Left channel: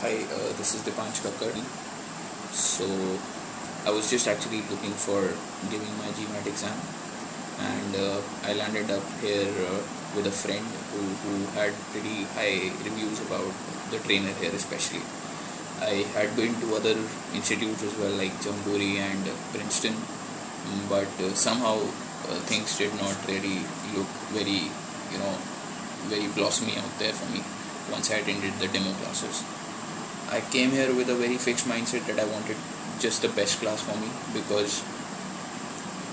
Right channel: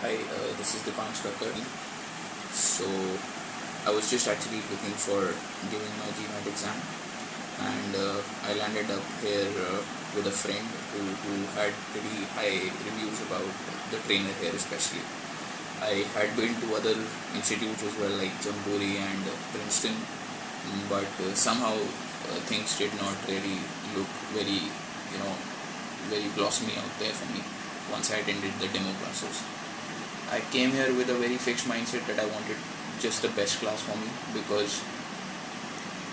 Hi, this is Deepansh Kakkar. So, I was just actually looking for giving my GMAT exam, and I landed up here with a friend who had pretty high reviews about the trainer here, especially. I had been to other institutes as well, like Jamboree and Princeton, but somehow things did not really look very, very blossomy out there for me once I attended the demo classes. I came here with a very fixed mindset that I wanted just the best class for me, because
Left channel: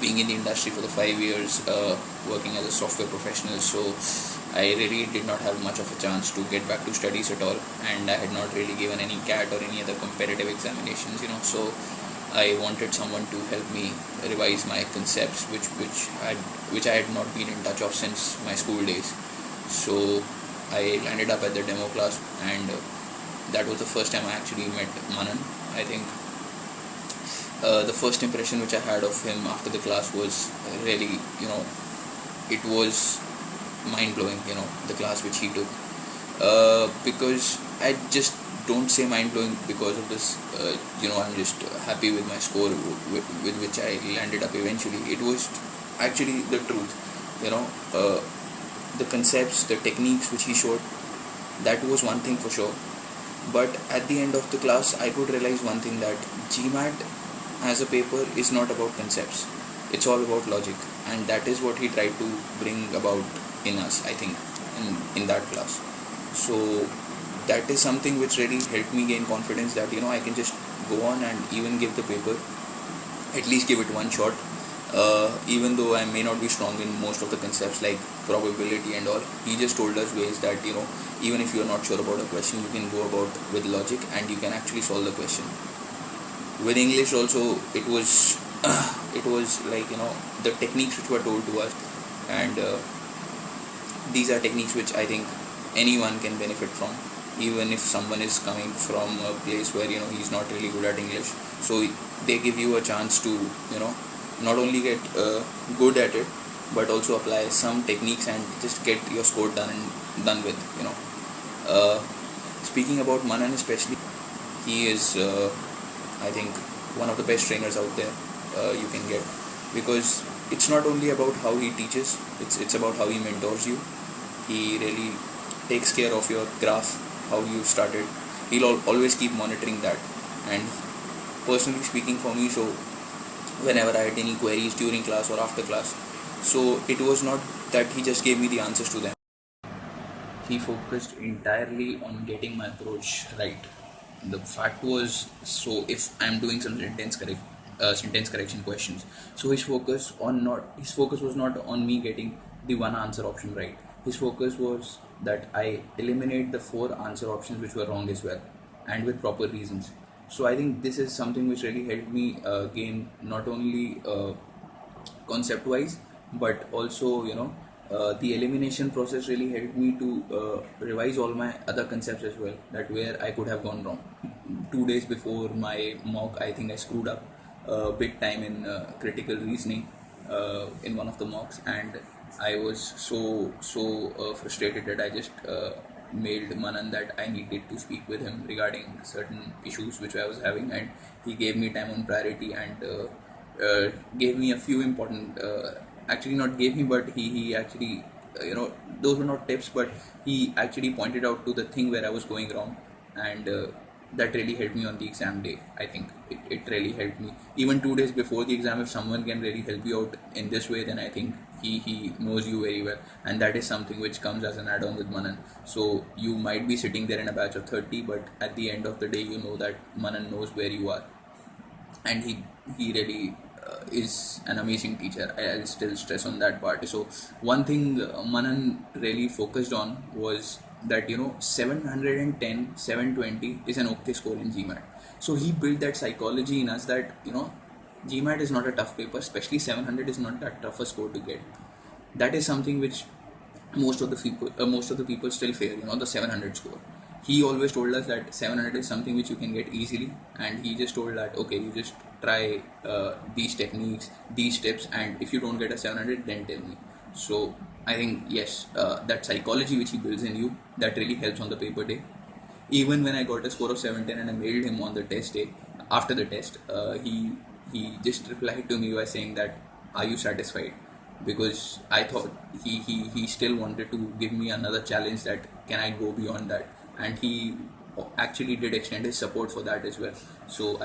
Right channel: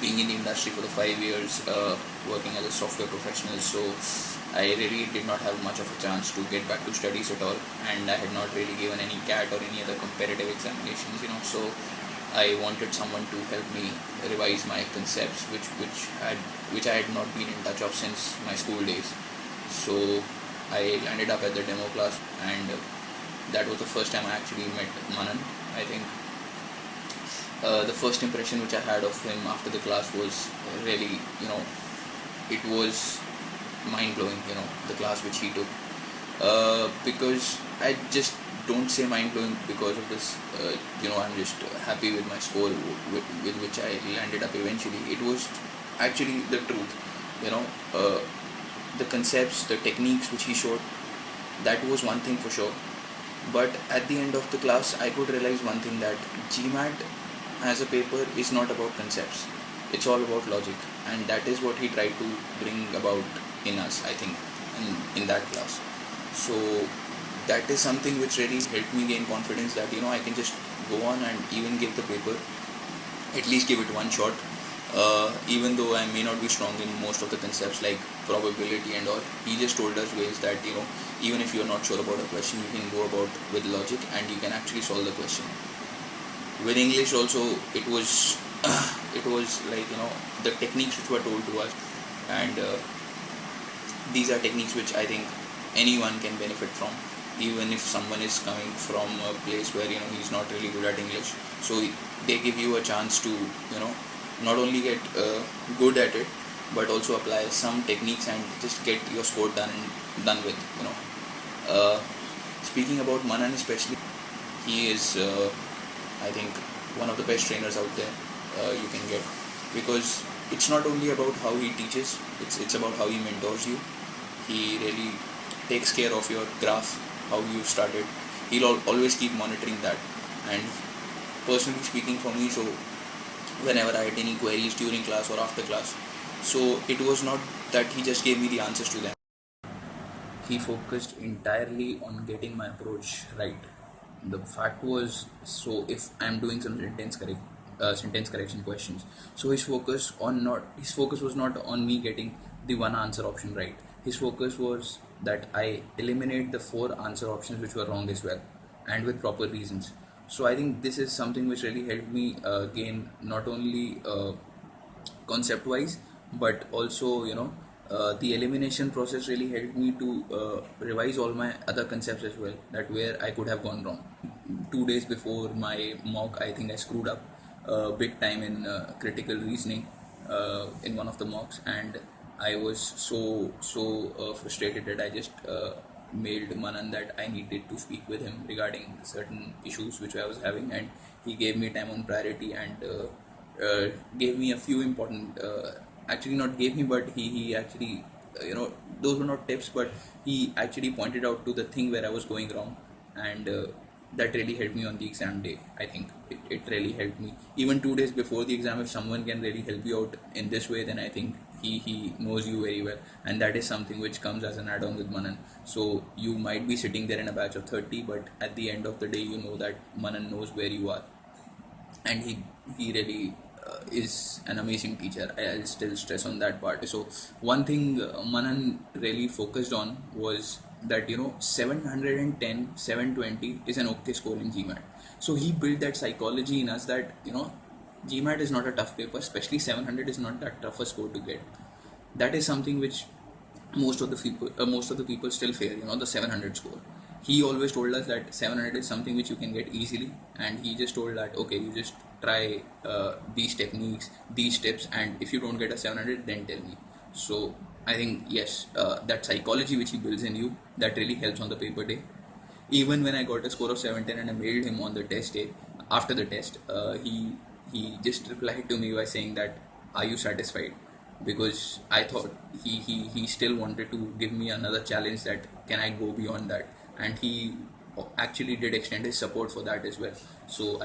being in the industry for the 5 years, working as a software professional, so I really did not have much of a chance to get back to studies at all, and I had not really given any CAT or any other competitive examinations. So I wanted someone to help me revise my concepts, which I had not been in touch of since my school days. So I landed up at the demo class, and that was the first time I actually met Manan. I think the first impression which I had of him after the class was really, it was mind blowing, the class which he took. Because I just don't say mind blowing because of this, I'm just happy with my score with which I landed up eventually. It was actually the truth, the concepts, the techniques which he showed, that was one thing for sure. But at the end of the class, I could realize one thing, that GMAT as a paper is not about concepts. It's all about logic, and that is what he tried to bring about in us, I think, in that class. So that is something which really helped me gain confidence that I can just go on and even give the paper, at least give it one shot. Even though I may not be strong in most of the concepts like probability and all, he just told us ways that even if you're not sure about a question, you can go about with logic and you can actually solve the question. With English also, it was it was like the techniques which were told to us, and these are techniques which I think anyone can benefit from, even if someone is coming from a place where he's not really good at English. So they give you a chance to not only get good at it, but also apply some techniques and just get your score done with. uh, Speaking about Manan especially, he is I think one of the best trainers out there you can get, because it's not only about how he teaches, it's about how he mentors you. He really takes care of your graph, how you started. He'll always keep monitoring that. And personally speaking, for me, so whenever I had any queries during class or after class, so it was not that he just gave me the answers to them. He focused entirely on getting my approach right. The fact was, so if I'm doing some sentence correction questions, so his focus was not on me getting the one answer option right. His focus was that I eliminate the four answer options which were wrong as well, and with proper reasons. So I think this is something which really helped me gain not only concept wise, but also the elimination process really helped me to revise all my other concepts as well, that where I could have gone wrong. 2 days before my mock, I think I screwed up big time in critical reasoning in one of the mocks, and I was so frustrated that I just mailed Manan that I needed to speak with him regarding certain issues which I was having, and he gave me time on priority and gave me a few important, actually not gave me, but he actually, those were not tips, but he actually pointed out to the thing where I was going wrong, and that really helped me on the exam day. I think it really helped me. Even 2 days before the exam, if someone can really help you out in this way, then I think he knows you very well, and that is something which comes as an add-on with Manan. So you might be sitting there in a batch of 30, but at the end of the day, you know that Manan knows where you are, and he really is an amazing teacher. I'll still stress on that part. So one thing Manan really focused on was that 710, 720 is an okay score in GMAT. So he built that psychology in us that GMAT is not a tough paper, especially 700 is not that tough a score to get. That is something which most of the people still fail, the 700 score. He always told us that 700 is something which you can get easily, and he just told that okay, you just try these techniques, these tips, and if you don't get a 700, then tell me. So I think yes, that psychology which he builds in you, that really helps on the paper day. Even when I got a score of 17 and I mailed him on the test day, after the test, he just replied to me by saying that, "Are you satisfied?" Because I thought he still wanted to give me another challenge, that can I go beyond that, and he actually did extend his support for that as well. So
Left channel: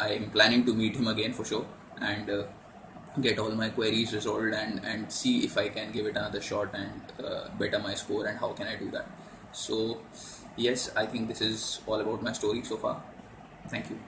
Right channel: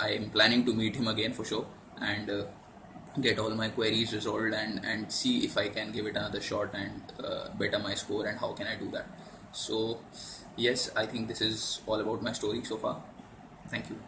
I am planning to meet him again for sure, and get all my queries resolved, and see if I can give it another shot and better my score, and how can I do that. So yes, I think this is all about my story so far. Thank you.